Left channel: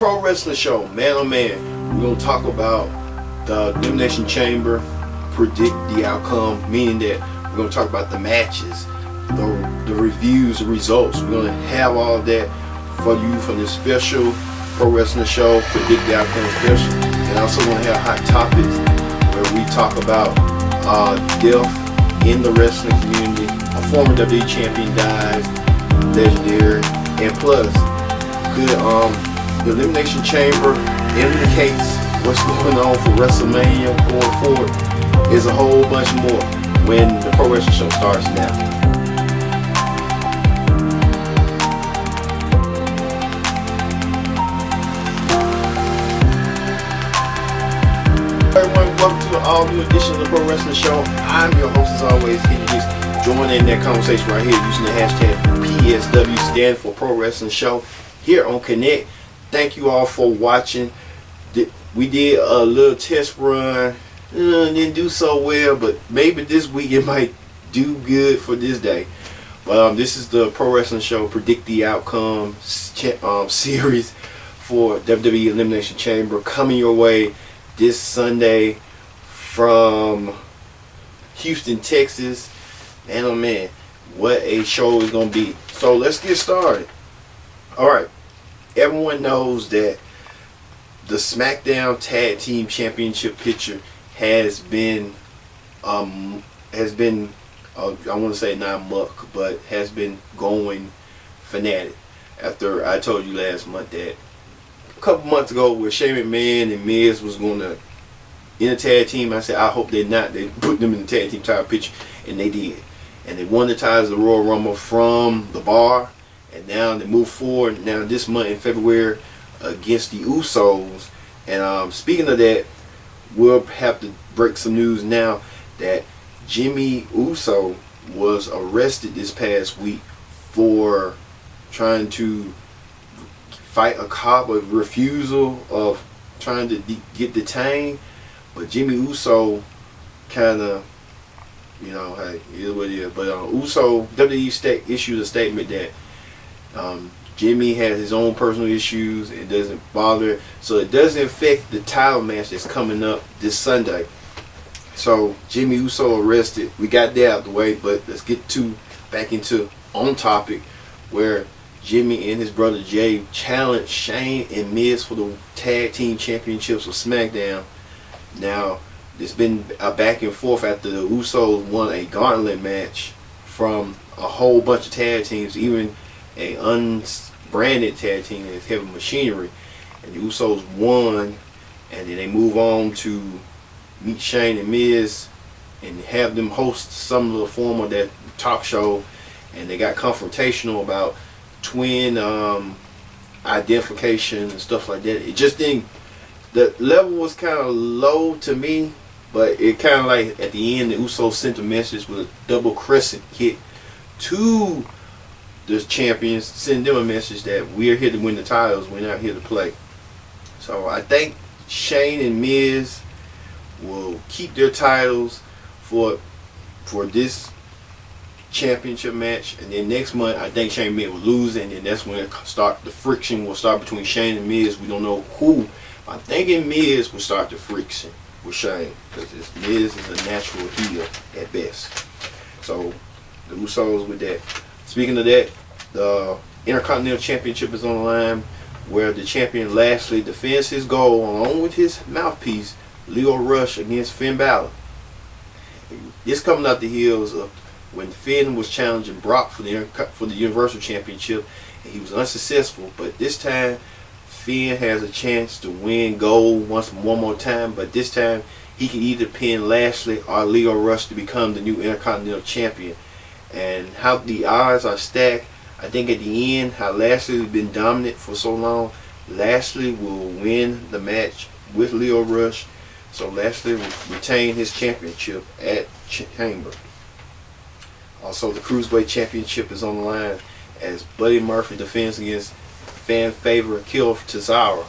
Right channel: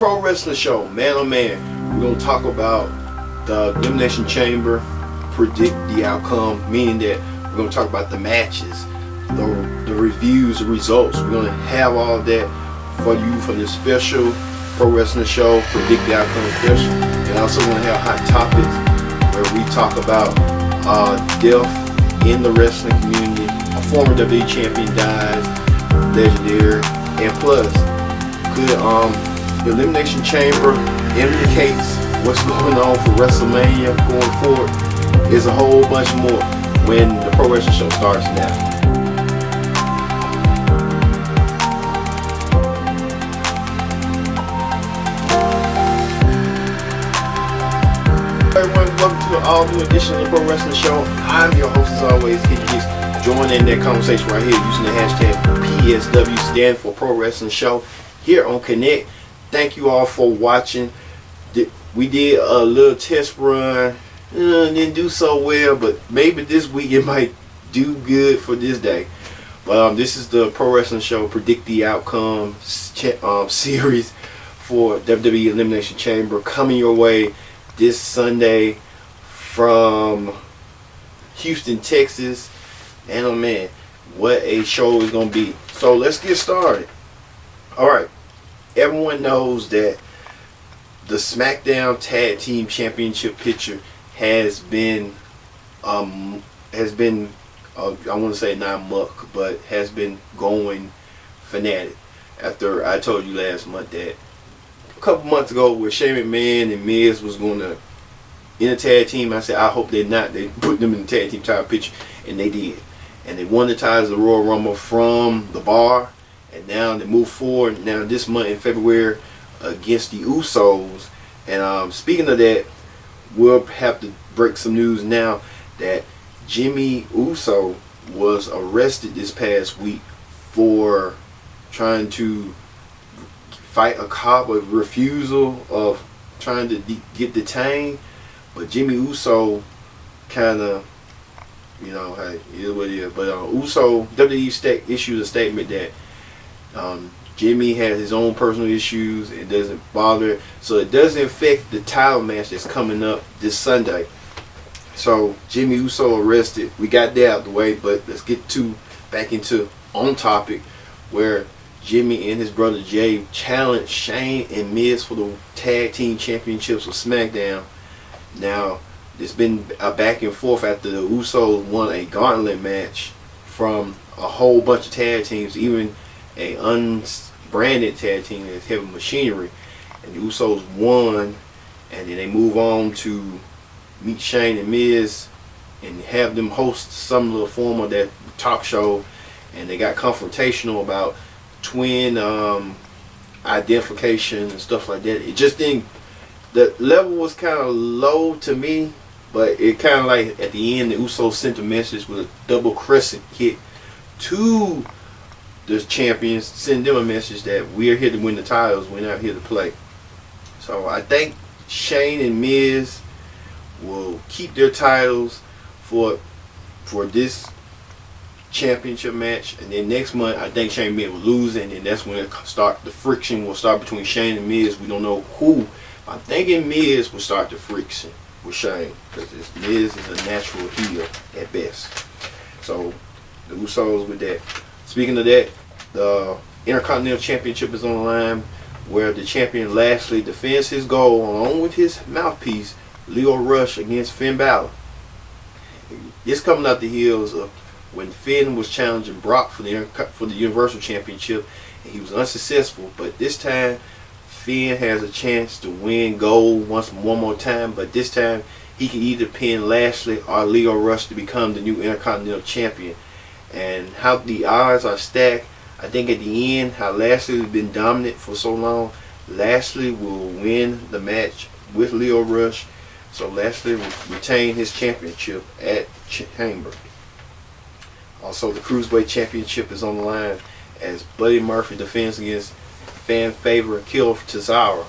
Pro Wrestling Show, man oh man. We're going to talk about the Elimination Chamber, predict the outcome, meaning that we're going to talk about the matches, the reviews, the results. We're going to have all of that for you for this special Pro Wrestling Show, predict the outcome special. And also going to have hot topics where we talk about death in the wrestling community, a former WWE champion dies, legendary, and plus, the Elimination Chamber indicates what's going on for WrestleMania going forward. Is a whole bunch more when the Pro Wrestling Show starts now. Everyone, welcome to an all-new edition of the Pro Wrestling Show. I'm your host as always, Kendrick Hicks. Join in that conversation right here using the hashtag PSW, stand for Pro Wrestling Show, here on Connect. Thank you all for watching. We did a little test run. Didn't do so well, but maybe this week it might do good for this day. But this is the Pro Wrestling Show Predict the Outcome series for WWE Elimination Chamber, coming your way this Sunday from Houston, Texas. And oh man, what a show is going to be. So let's get started. Alright, everyone knows that the SmackDown Tag Team Championship picture has been I want to say not muck, but has been going fanatic. After I told you last month that a couple months ago where Shane McMahon and Miz was going to in a tag team, I said I hope they're not. They put them in the tag team title picture, and they did. And they won the titles of the Royal Rumble from the Bar, and now they move forward now this month in February against the Usos. And speaking of that, we'll have to break some news now that Jimmy Uso was arrested this past week for trying to fight a cop, a refusal of trying to get detained. But Jimmy Uso kind of, hey, it is what it is. But Uso, WWE issued a statement that Jimmy has his own personal issues. It doesn't bother, so it doesn't affect the title match that's coming up this Sunday. So Jimmy Uso arrested. We got that out the way, but let's get back into on topic, where Jimmy and his brother Jay challenged Shane and Miz for the tag team championships of SmackDown. Now, there's been a back and forth after the Usos won a gauntlet match from a whole bunch of tag teams, even a unbranded tag team that's Heavy Machinery. And the Usos won, and then they move on to meet Shane and Miz and have them host some little form of that talk show. And they got confrontational about twin identification and stuff like that. It just didn't, the level was kind of low to me, but it kind of like at the end the Usos sent a message with a double crescent kick to the champions, send them a message that we're here to win the titles, we're not here to play. So I think Shane and Miz will keep their titles for this championship match, and then next month I think Shane and Miz will lose, and then that's when the friction will start between Shane and Miz. We don't know who. I'm thinking Miz will start the friction with Shane, because Miz is a natural heel at best. So the Usos with that. Speaking of that, the Intercontinental Championship is on the line, where the champion Lashley defends his goal along with his mouthpiece Leo Rush against Finn Balor. This coming out the heels of when Finn was challenging Brock for the Universal Championship, and he was unsuccessful. But this time Finn has a chance to win gold one more time, but this time he can either pin Lashley or Leo Rush to become the new Intercontinental Champion. And how the odds are stacked, I think at the end, how Lashley has been dominant for so long, Lashley will win the match with Leo Rush, so Lashley will retain his championship at Chamber. Also, the Cruiserweight Championship is on the line as Buddy Murphy defends against fan favorite Kill Cesaro.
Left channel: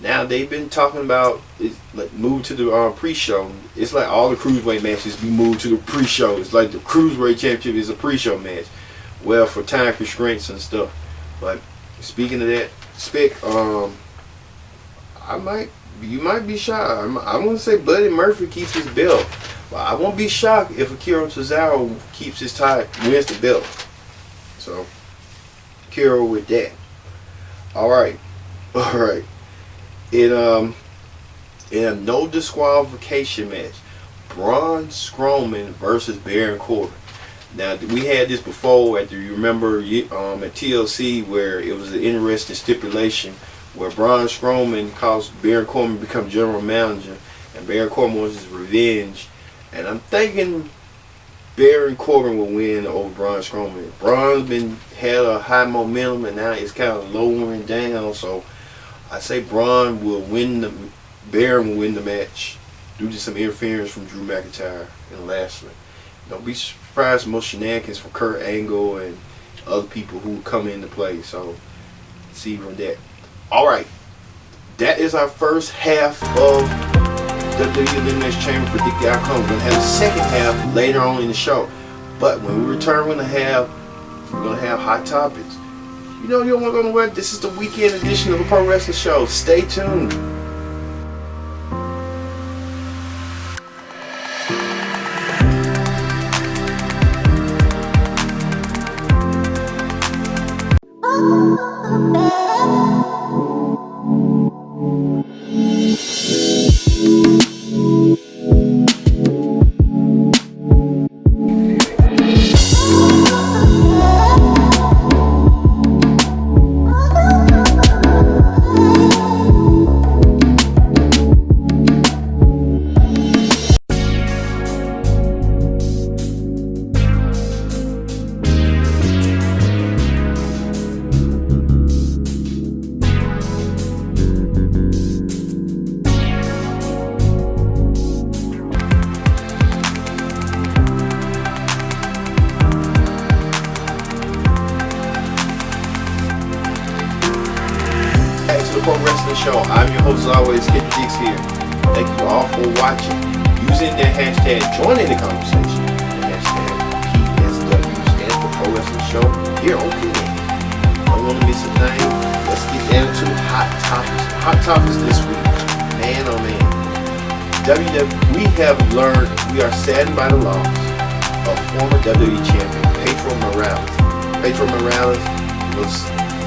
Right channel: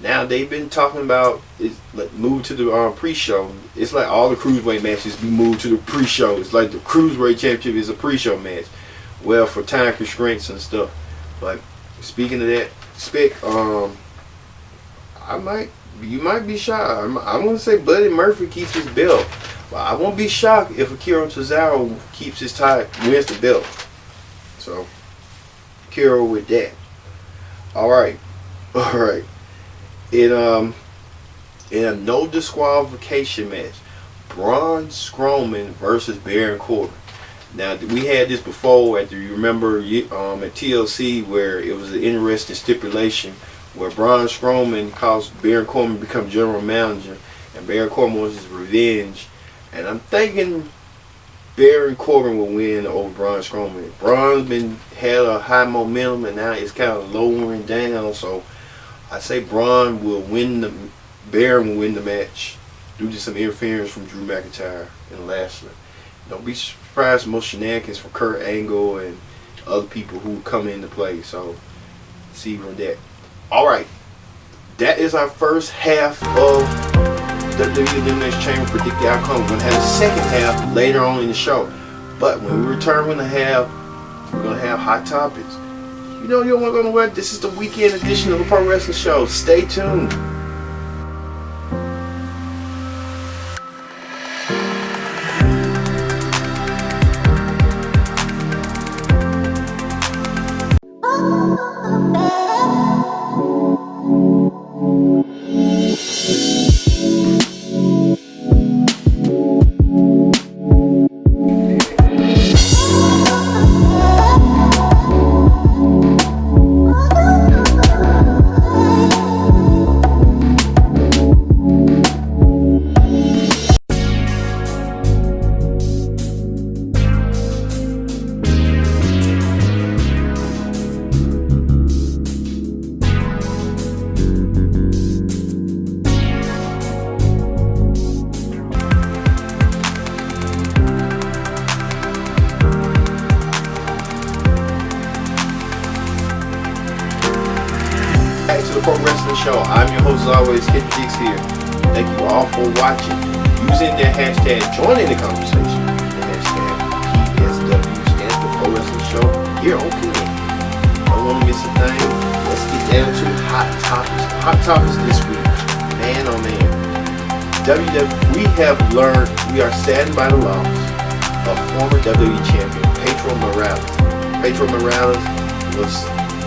Now they've been talking about it's like move to the pre-show. It's like all the cruiserweight matches be moved to the pre-show. It's like the Cruiserweight Championship is a pre-show match. Well, for time constraints and stuff. But speaking of that, You might be shocked. I'm gonna say Buddy Murphy keeps his belt. But I won't be shocked if Akira Tozawa keeps his wins the belt. So, Akira with that. All right. In a no disqualification match, Braun Strowman versus Baron Corbin. Now we had this before. You remember at TLC where it was an interesting stipulation where Braun Strowman caused Baron Corbin to become general manager, and Baron Corbin was his revenge. And I'm thinking Baron Corbin will win over Braun Strowman. Braun's had a high momentum, and now it's kind of lowering down. So I say Baron will win the match due to some interference from Drew McIntyre and Lashley. Don't be surprised most shenanigans from Kurt Angle and other people who come into play. So see from that. All right, that is our first half of WWE Elimination Chamber. Predict the outcome. We're going to have a second half later on in the show. But when we return, we're going to have hot topics. You don't want to go nowhere. This is the weekend edition of the Pro Wrestling Show. Stay tuned. Pro Wrestling Show. I'm your host, as always, Kid Jigs here. Thank you all for watching. Using the hashtag, joining the conversation. The hashtag PSW stands for Pro Wrestling Show here on Connect. Don't want to miss a thing. Let's get down to hot topics. Hot topics this week. Man, oh man. We have learned we are saddened by the loss of former WWE champion Pedro Morales. Pedro Morales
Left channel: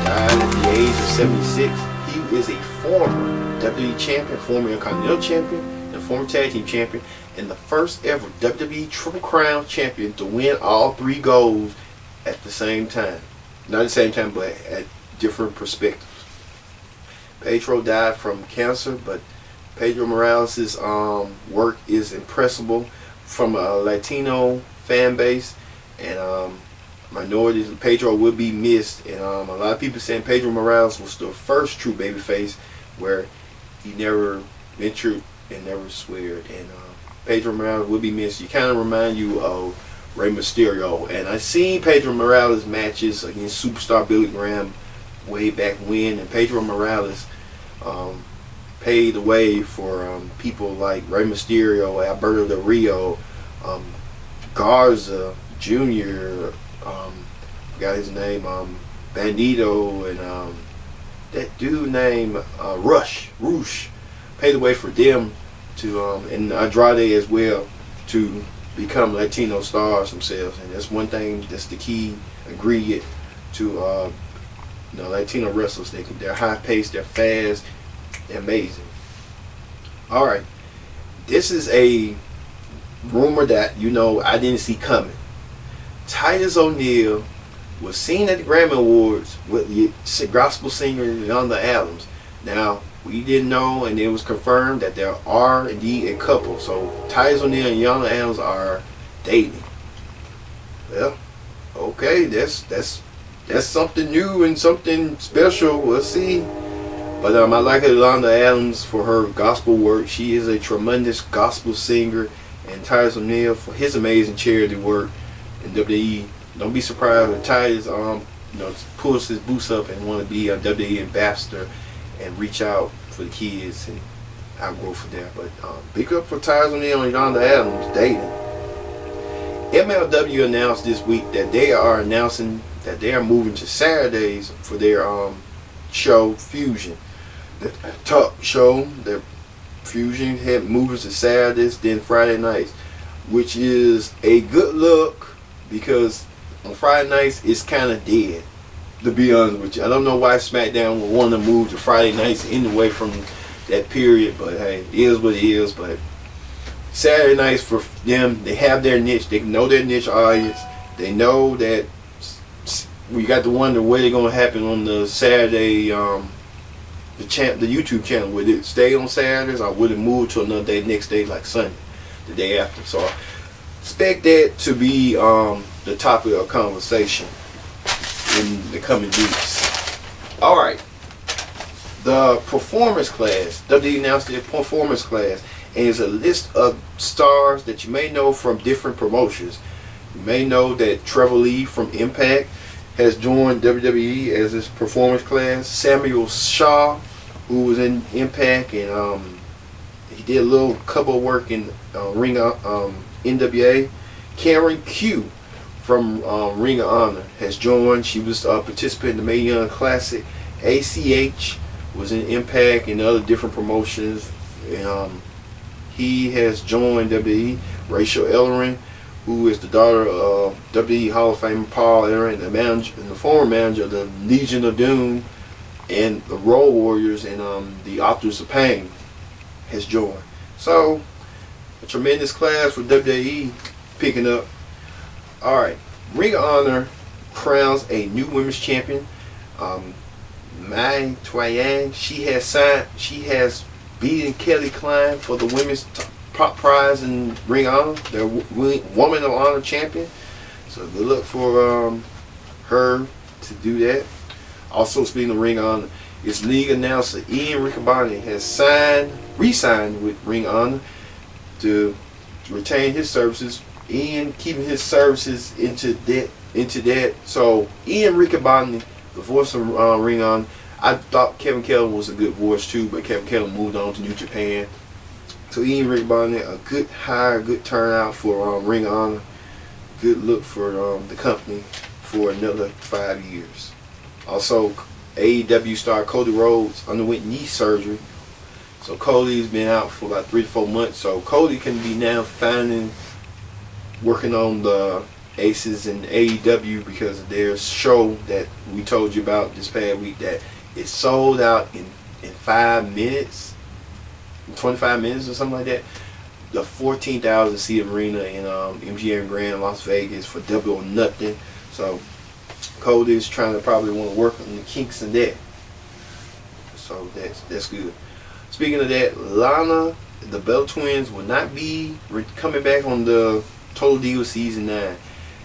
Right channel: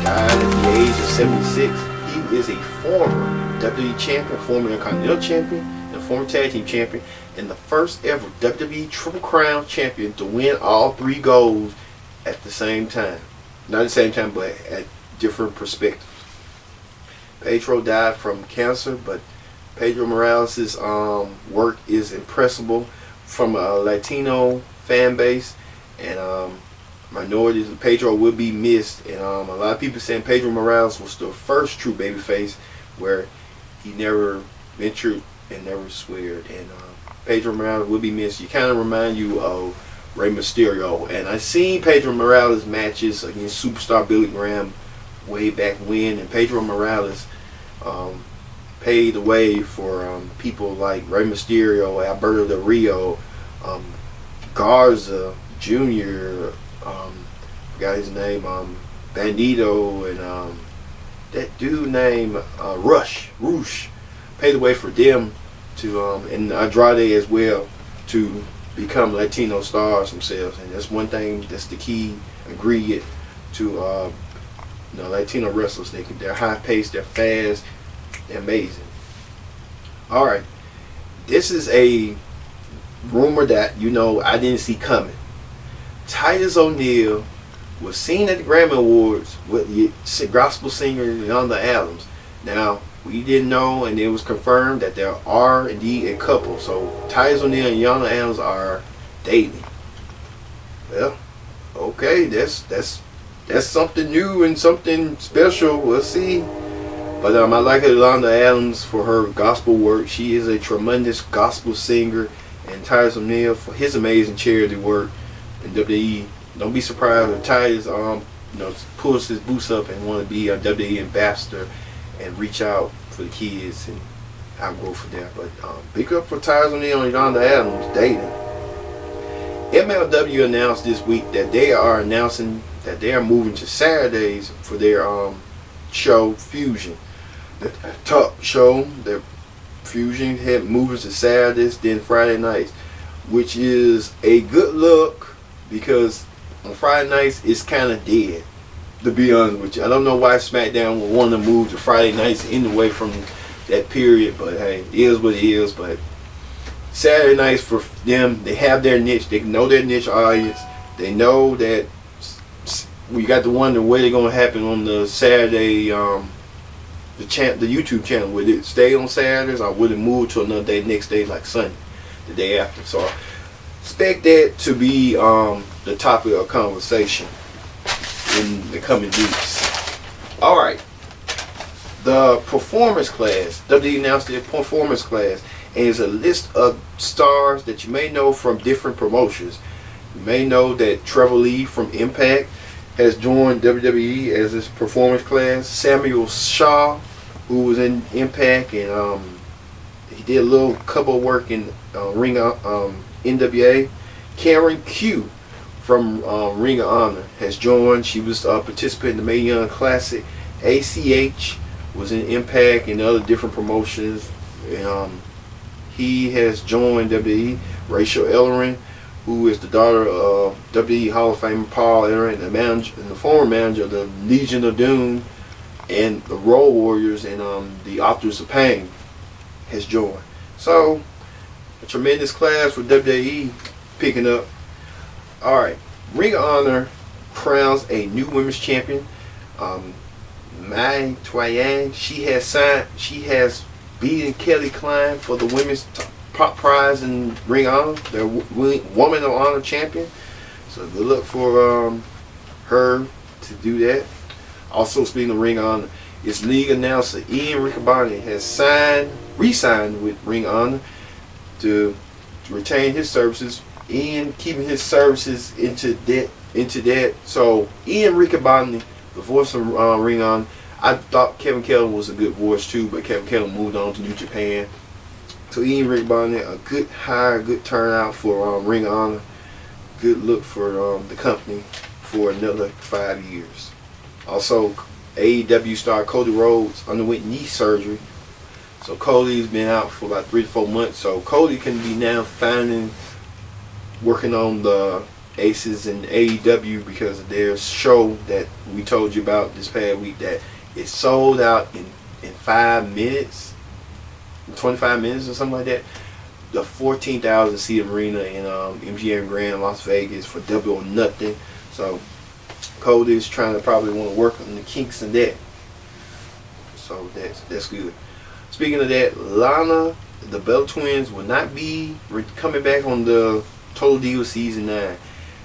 died at the age of 76. He is a former WWE champion, former Intercontinental champion, and former tag team champion, and the first ever WWE Triple Crown champion to win all three golds at the same time. Not at the same time, but at different perspectives. Pedro died from cancer, but Pedro Morales' work is impressive from a Latino fan base, and minorities. Pedro will be missed, and a lot of people saying Pedro Morales was the first true babyface where he never ventured and never sweared, and Pedro Morales will be missed. You kind of remind you of Rey Mysterio, and I seen Pedro Morales matches against Superstar Billy Graham way back when, and Pedro Morales paved the way for people like Rey Mysterio, Alberto Del Rio, Garza Jr., forgot his name, Bandito, and that dude named Roosh, paved the way for them to, and Andrade as well, to become Latino stars themselves. And that's one thing, that's the key ingredient to Latino wrestlers. They're high paced, they're fast, they're amazing. Alright, this is a rumor that I didn't see coming. Titus O'Neil was seen at the Grammy Awards with the gospel singer Yolanda Adams. Now, we didn't know, and it was confirmed that there are indeed a couple. So Titus O'Neil and Yolanda Adams are dating. Well, okay, that's something new and something special. We'll see. But I like Yolanda Adams for her gospel work. She is a tremendous gospel singer, and Titus O'Neil for his amazing charity work in WWE. Don't be surprised if Titus pulls his boots up and want to be a WWE ambassador and reach out for the kids and outgrow for them. But big up for Titus O'Neil and Yolanda Adams dating. MLW announced this week that they are announcing that they are moving to Saturdays for their show Fusion. the top show that Fusion had moving to Saturdays, then Friday nights, which is a good look because on Friday nights it's kind of dead. To be honest with you, I don't know why SmackDown would want to move to Friday nights anyway from that period, but hey, it is what it is. But Saturday nights for them, they have their niche. They know their niche audience. They know that we got to wonder what is going to happen on the Saturday, the YouTube channel. Would it stay on Saturdays or would it move to another day, next day like Sunday, the day after? So I expect that to be the topic of conversation in the coming weeks. All right, the performance class. WWE announced their performance class, and it's a list of stars that you may know from different promotions. You may know that Trevor Lee from Impact has joined WWE as his performance class. Samuel Shaw, who was in Impact, and he did a couple of work in Ring of NWA. Karen Q from Ring of Honor has joined. She was a participant in the Mae Young Classic. ACH was in Impact and other different promotions. He has joined WWE. Rachel Ellering, who is the daughter of WWE Hall of Famer Paul Ellering, and the former manager of the Legion of Doom and the Road Warriors and the Authors of Pain, has joined. So, a tremendous class for WWE picking up. Alright, Ring of Honor crowns a new women's champion. Mai Twayang, she has beaten Kelly Klein for the women's top prize in Ring of Honor, their Woman of Honor champion. So good luck for her to do that. Also, speaking of Ring of Honor, its league announcer Ian Riccaboni has re-signed with Ring of Honor to retain his services. Ian keeping his services into that. So Ian Riccaboni, the voice of Ring of Honor. I thought Kevin Kelly was a good voice too, but Kevin Kelly moved on to New Japan. So Ian Riccaboni, a good hire, good turnout for Ring of Honor. Good look for the company for another 5 years. Also, AEW star Cody Rhodes underwent knee surgery. So Cody's been out for about 3 to 4 months. So Cody can be now working on the Aces and AEW because of their show that we told you about this past week that it sold out in 5 minutes, 25 minutes or something like that. The 14,000 seat arena in MGM Grand, Las Vegas for double or nothing. So Cody is trying to probably want to work on the kinks in that. So that's good. Speaking of that, Lana, the Bella Twins will not be coming back on the Total Divas Season 9,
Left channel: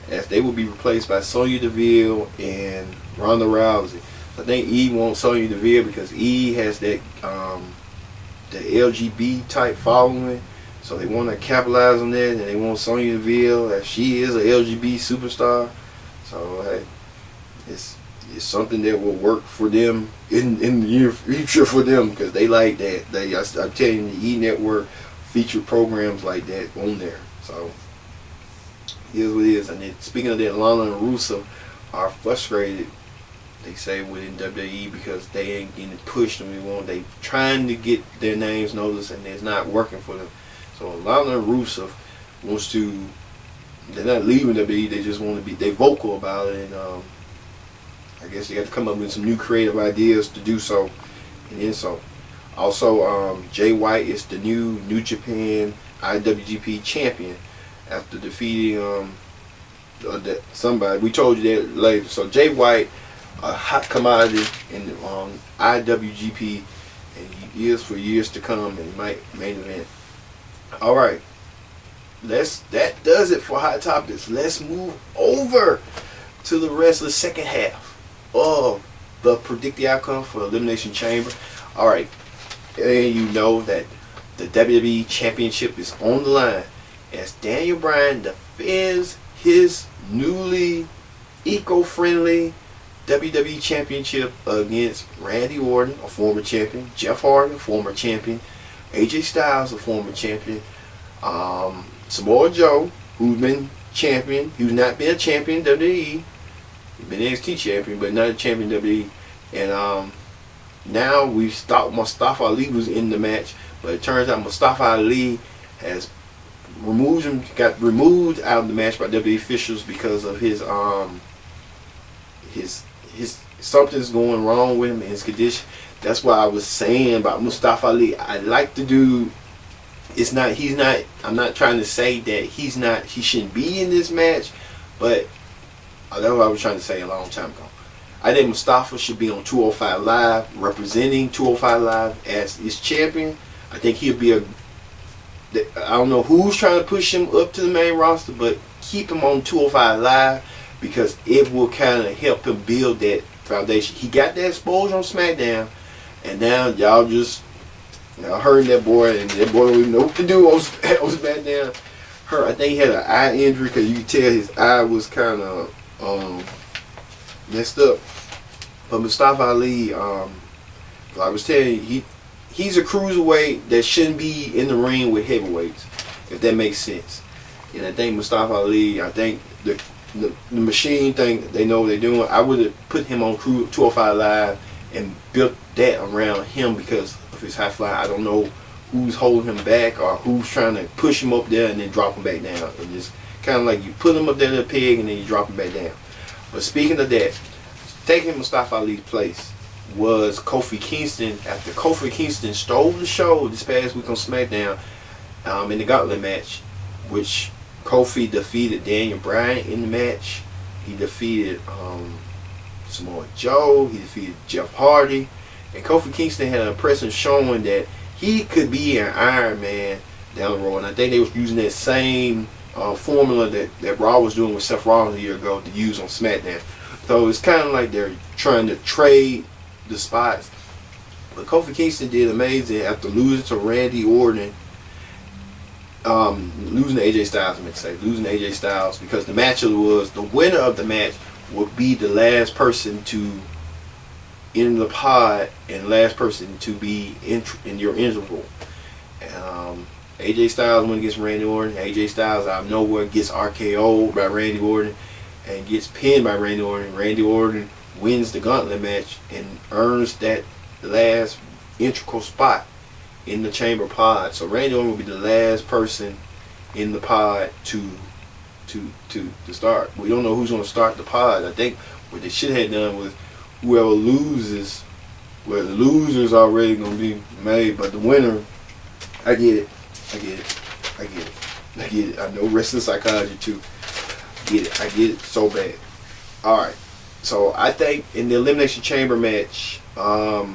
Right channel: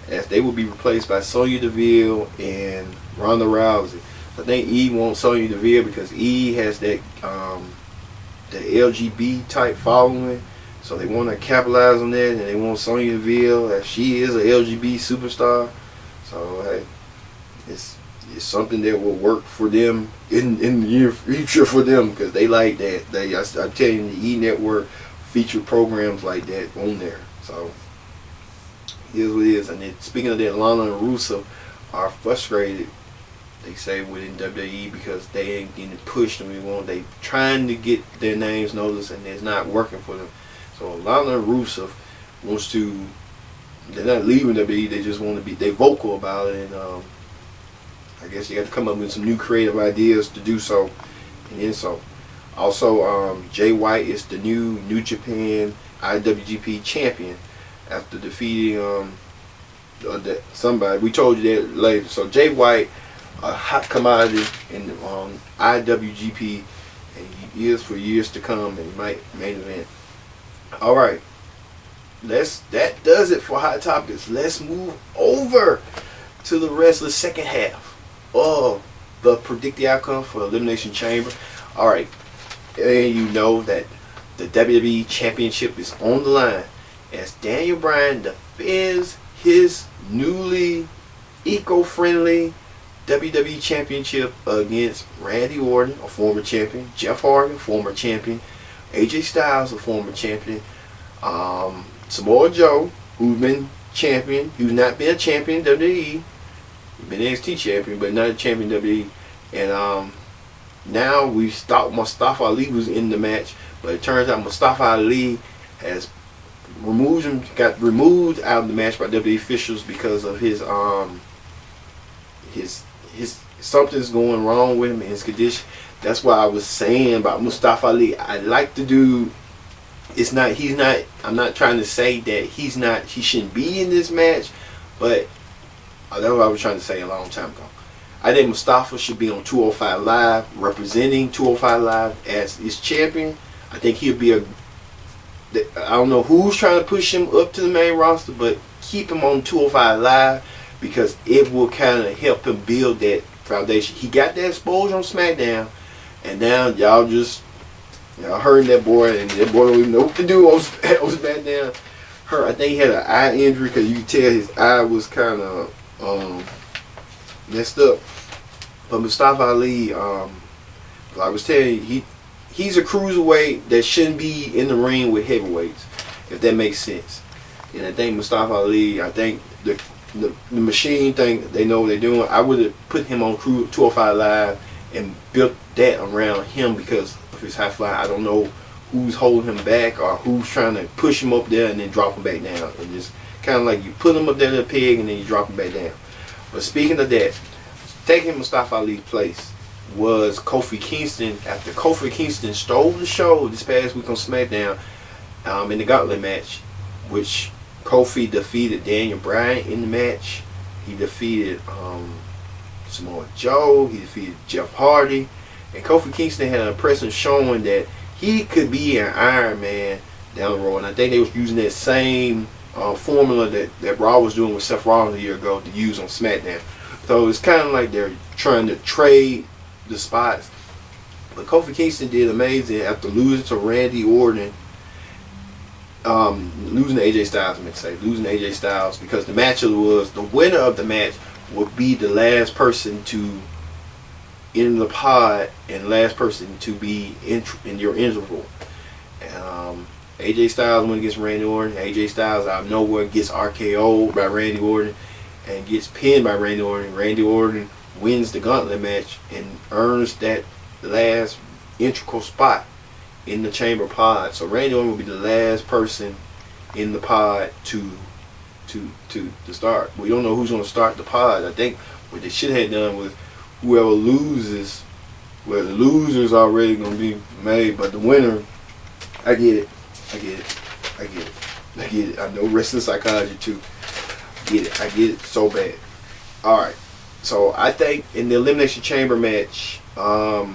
as they will be replaced by Sonya Deville and Ronda Rousey. I think E wants Sonya Deville because E has that the LGBT type following, so they want to capitalize on that, and they want Sonya Deville as she is a LGBT superstar. So hey, it's something that will work for them in the near future for them because they like that. I'm telling you, the E Network feature programs like that on there. So here's what it is. And then, speaking of that, Lana and Rusev are frustrated, they say, within WWE because they ain't getting pushed and they trying to get their names noticed and it's not working for them. So Lana and Rusev they're not leaving WWE, they just want to be, they vocal about it, and I guess you got to come up with some new creative ideas to do so. And then so also Jay White is the New Japan IWGP champion after defeating somebody. We told you that later. So Jay White, a hot commodity in the IWGP, and he is for years to come, and he might main event. All right, that does it for Hot Topics. Let's move over to the rest of the second half of the Predict the Outcome for Elimination Chamber. All right, and you know that the WWE Championship is on the line as Daniel Bryan defends his newly eco-friendly WWE Championship against Randy Orton, a former champion, Jeff Hardy, a former champion, AJ Styles, a former champion, Samoa Joe, who's been champion, who's not been a champion in WWE, he's been NXT champion, but not a champion in WWE, and now we thought Mustafa Ali was in the match, but it turns out Mustafa Ali has got removed out of the match by WWE officials because of his something's going wrong with him in his condition. That's why I was saying about Mustafa Ali. I like the dude. I'm not trying to say that he shouldn't be in this match, but that's what I was trying to say a long time ago. I think Mustafa should be on 205 Live, representing 205 Live as his champion. I think he'll be I don't know who's trying to push him up to the main roster, but keep him on 205 Live because it will kind of help him build that foundation. He got that exposure on SmackDown, and now y'all hurting that boy, and that boy don't even know what to do on SmackDown. I think he had an eye injury because you could tell his eye was kind of messed up. But Mustafa Ali, I was telling you, he's a cruiserweight that shouldn't be in the ring with heavyweights, if that makes sense. And I think Mustafa Ali, I think the machine thing, they know what they're doing. I would have put him on 205 Live and built that around him because of his high fly. I don't know who's holding him back or who's trying to push him up there and then drop him back down. And just kind of like you put him up there in the peg and then you drop him back down. But speaking of that, taking Mustafa Ali's place was Kofi Kingston. After Kofi Kingston stole the show this past week on SmackDown in the Gauntlet match, which Kofi defeated Daniel Bryan in the match. He defeated Samoa Joe. He defeated Jeff Hardy. And Kofi Kingston had an impressive showing that he could be an Iron Man down the road. And I think they was using that same formula that Raw was doing with Seth Rollins a year ago to use on SmackDown. So it's kind of like they're trying to trade the spots. But Kofi Kingston did amazing after losing to Randy Orton. Losing to AJ Styles, losing to AJ Styles, because the match was the winner of the match would be the last person to enter the pod and last person to be in your interval. And AJ Styles went against Randy Orton. AJ Styles out of nowhere gets RKO'd by Randy Orton and gets pinned by Randy Orton. Randy Orton wins the Gauntlet match and earns that last integral spot in the chamber pod. So Randy Orton will be the last person in the pod to start. We don't know who's going to start the pod. I think what they should have done was whoever loses, well, the loser's already going to be made, but the winner, I get it. I know wrestling psychology too. I get it so bad. Alright, so I think in the Elimination Chamber match, I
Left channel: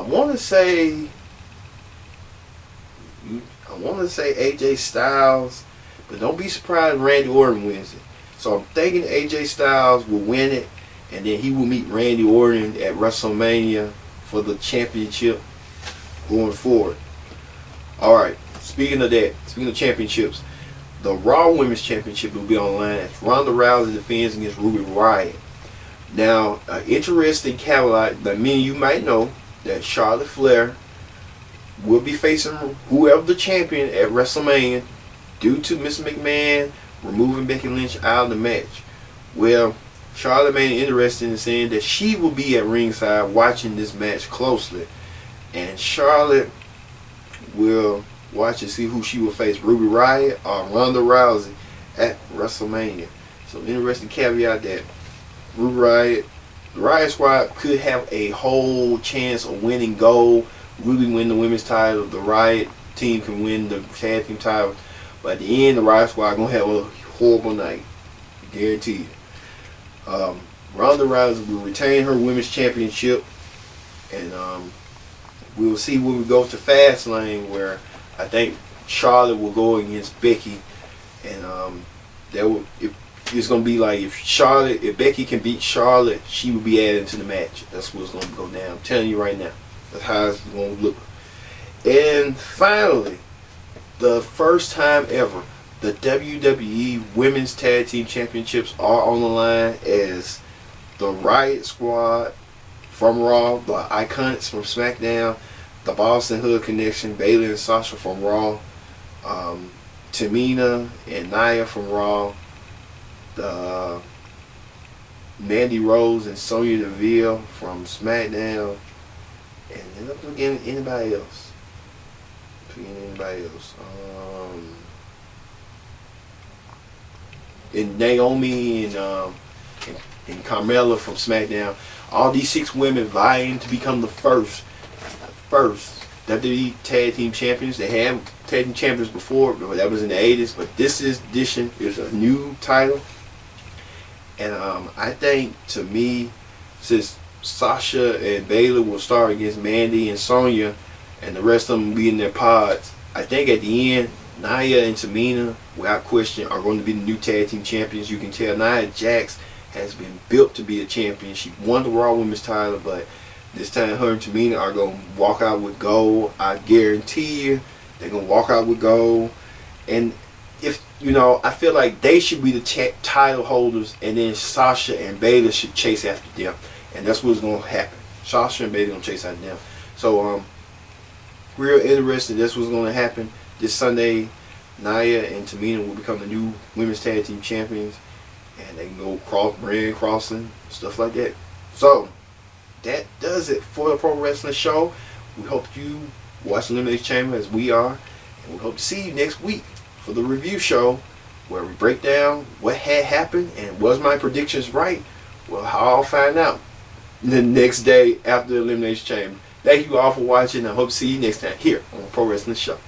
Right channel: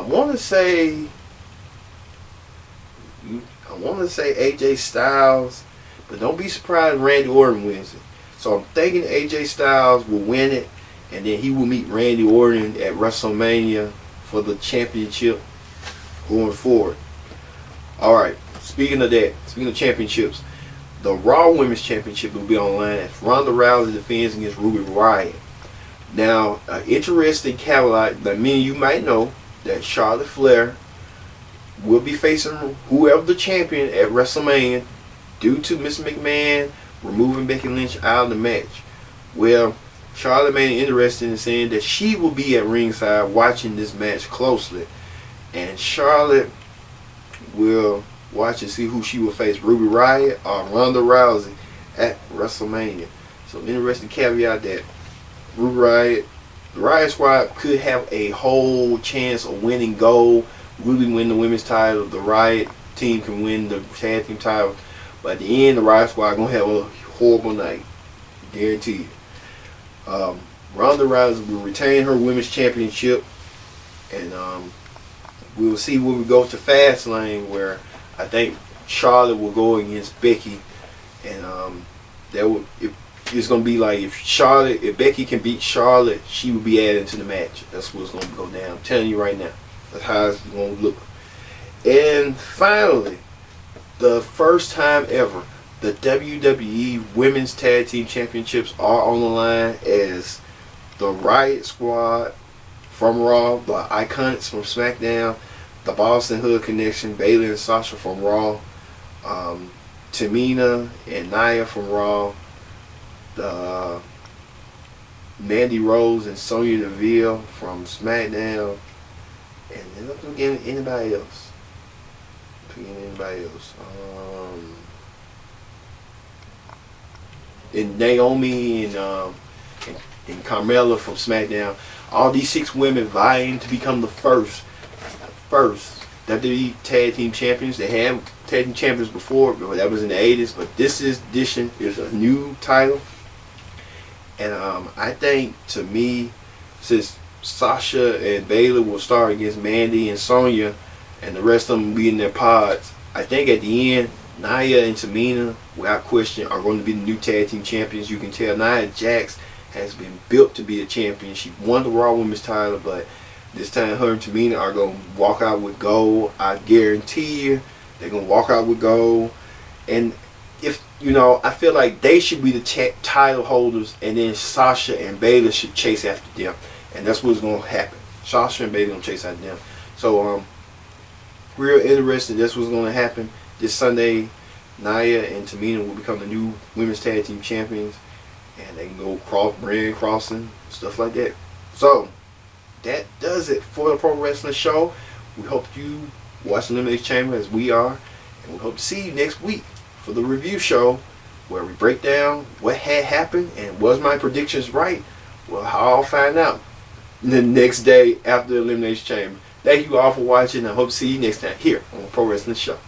want to say AJ Styles, but don't be surprised if Randy Orton wins it. So I'm thinking AJ Styles will win it, and then he will meet Randy Orton at WrestleMania for the championship going forward. Alright, speaking of championships, the Raw Women's Championship will be online as Ronda Rousey defends against Ruby Riott. Now, interesting caveat that many of you might know that Charlotte Flair will be facing whoever the champion at WrestleMania due to Miss McMahon removing Becky Lynch out of the match. Well, Charlotte made it interesting in saying that she will be at ringside watching this match closely. And Charlotte will watch and see who she will face, Ruby Riott or Ronda Rousey at WrestleMania. So interesting caveat that Ruby Riott, the Riott Squad could have a whole chance of winning gold. Ruby win the women's title. The Riott team can win the tag team title. But at the end, the Riott Squad going to have a horrible night. Guaranteed. Ronda Rousey will retain her women's championship. And we'll see when we go to Fastlane, where I think Charlotte will go against Becky. And it's going to be like if Becky can beat Charlotte, she will be added to the match. That's what's going to go down. I'm telling you right now. That's how it's going to look. And finally, the first time ever, the WWE Women's Tag Team Championships are on the line as the Riott Squad from Raw, the Iconics from SmackDown, the Boston Hood Connection, Bayley and Sasha from Raw, Tamina and Nia from Raw, the Mandy Rose and Sonya Deville from SmackDown. And then I'm forgetting anybody else. And Naomi and Carmella from SmackDown. All these 6 women vying to become the first WWE Tag Team Champions. They had Tag Team Champions before, but that was in the 80s. But this edition is a new title. And I think, to me, since Sasha and Bayley will start against Mandy and Sonya, and the rest of them will be in their pods, I think at the end, Nia and Tamina, without question, are going to be the new Tag Team Champions. You can tell Nia Jax has been built to be a champion. She won the Raw Women's title, but this time her and Tamina are going to walk out with gold. I guarantee you they're going to walk out with gold. And if, I feel like they should be the title holders, and then Sasha and Bayley should chase after them. And that's what's going to happen. Sasha and Bayley going to chase after them. So, real interesting. That's what's going to happen. This Sunday, Nia and Tamina will become the new Women's Tag Team Champions. And they can go brand crossing, stuff like that. So, that does it for the Pro Wrestling Show. We hope you watch Elimination Chamber as we are. And we hope to see you next week for the review show, where we break down what had happened and was my predictions right. Well, I'll find out the next day after the Elimination Chamber. Thank you all for watching. I hope to see you next time here on Pro Wrestling Show.